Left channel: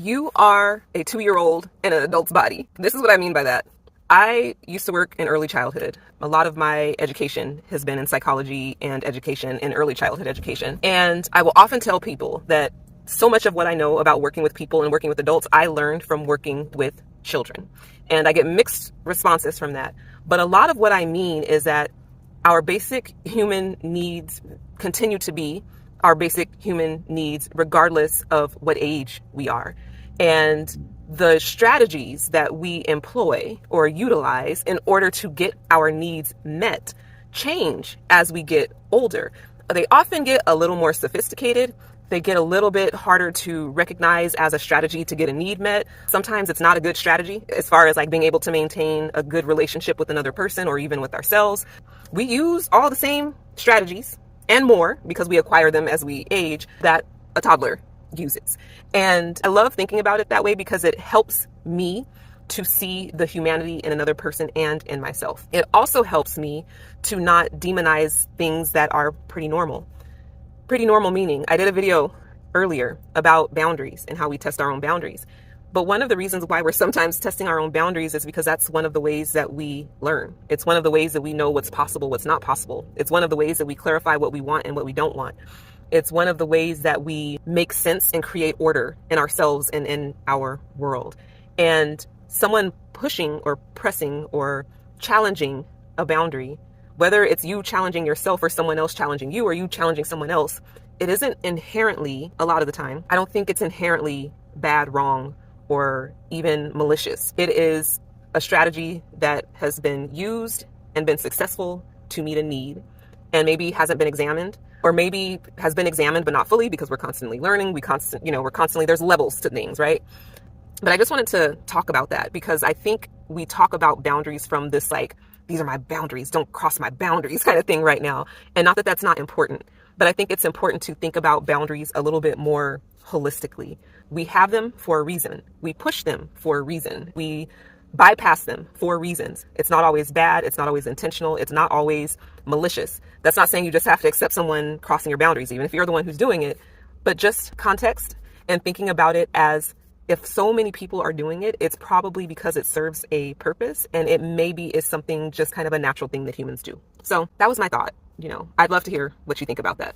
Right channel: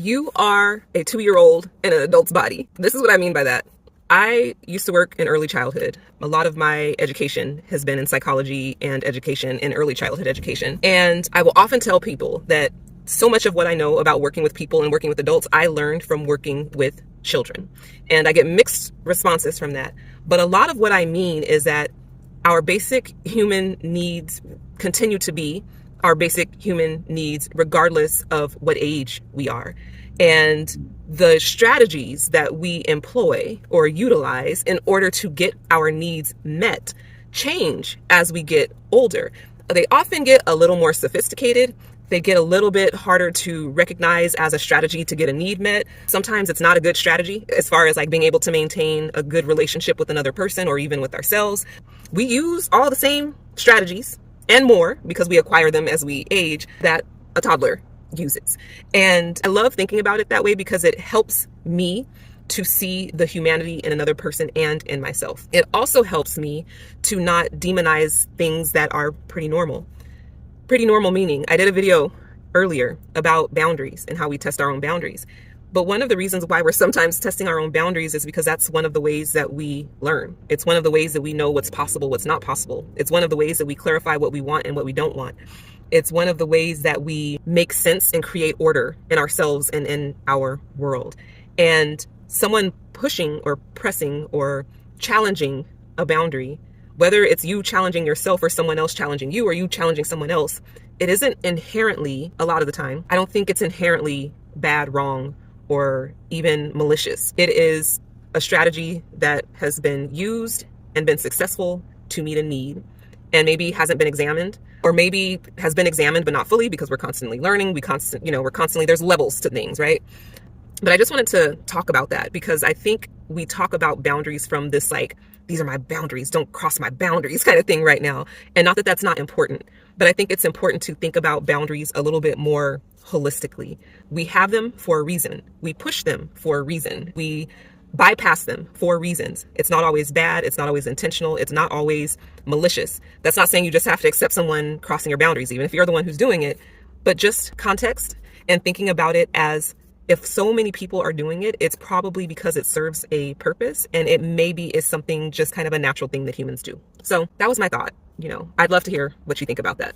You are a 2-year-old in an adult's body. This is what I mean by that. I used to work in early childhood. A lot of my education has been in psychology and education in early childhood education. And I will often tell people that so much of what I know about working with people and working with adults, I learned from working with children. And I get mixed responses from that. But a lot of what I mean is that our basic human needs continue to be our basic human needs, regardless of what age we are. And the strategies that we employ or utilize in order to get our needs met change as we get older. They often get a little more sophisticated. They get a little bit harder to recognize as a strategy to get a need met. Sometimes it's not a good strategy as far as like being able to maintain a good relationship with another person or even with ourselves. We use all the same strategies and more because we acquire them as we age that a toddler uses. And I love thinking about it that way because it helps me to see the humanity in another person and in myself. It also helps me to not demonize things that are pretty normal. Pretty normal meaning, I did a video earlier about boundaries and how we test our own boundaries. But one of the reasons why we're sometimes testing our own boundaries is because that's one of the ways that we learn. It's one of the ways that we know what's possible, what's not possible. It's one of the ways that we clarify what we want and what we don't want. It's one of the ways that we make sense and create order in ourselves and in our world. And someone pushing or pressing or challenging a boundary, whether it's you challenging yourself or someone else challenging you or you challenging someone else, it isn't inherently, a lot of the time, I don't think it's inherently bad, wrong, or even malicious. It is a strategy that has been used and been successful to meet a need and maybe hasn't been examined, or maybe has been examined but not fully because we're constantly learning. We're constantly, there's levels to things, right? But I just wanted to talk about that because I think we talk about boundaries from this like, these are my boundaries, don't cross my boundaries kind of thing right now. And not that that's not important, but I think it's important to think about boundaries a little bit more holistically. We have them for a reason. We push them for a reason. We bypass them for reasons. It's not always bad. It's not always intentional. It's not always malicious. That's not saying you just have to accept someone crossing your boundaries, even if you're the one who's doing it, but just context and thinking about it as if so many people are doing it, it's probably because it serves a purpose and it maybe is something just kind of a natural thing that humans do. So that was my thought. I'd love to hear what you think about that.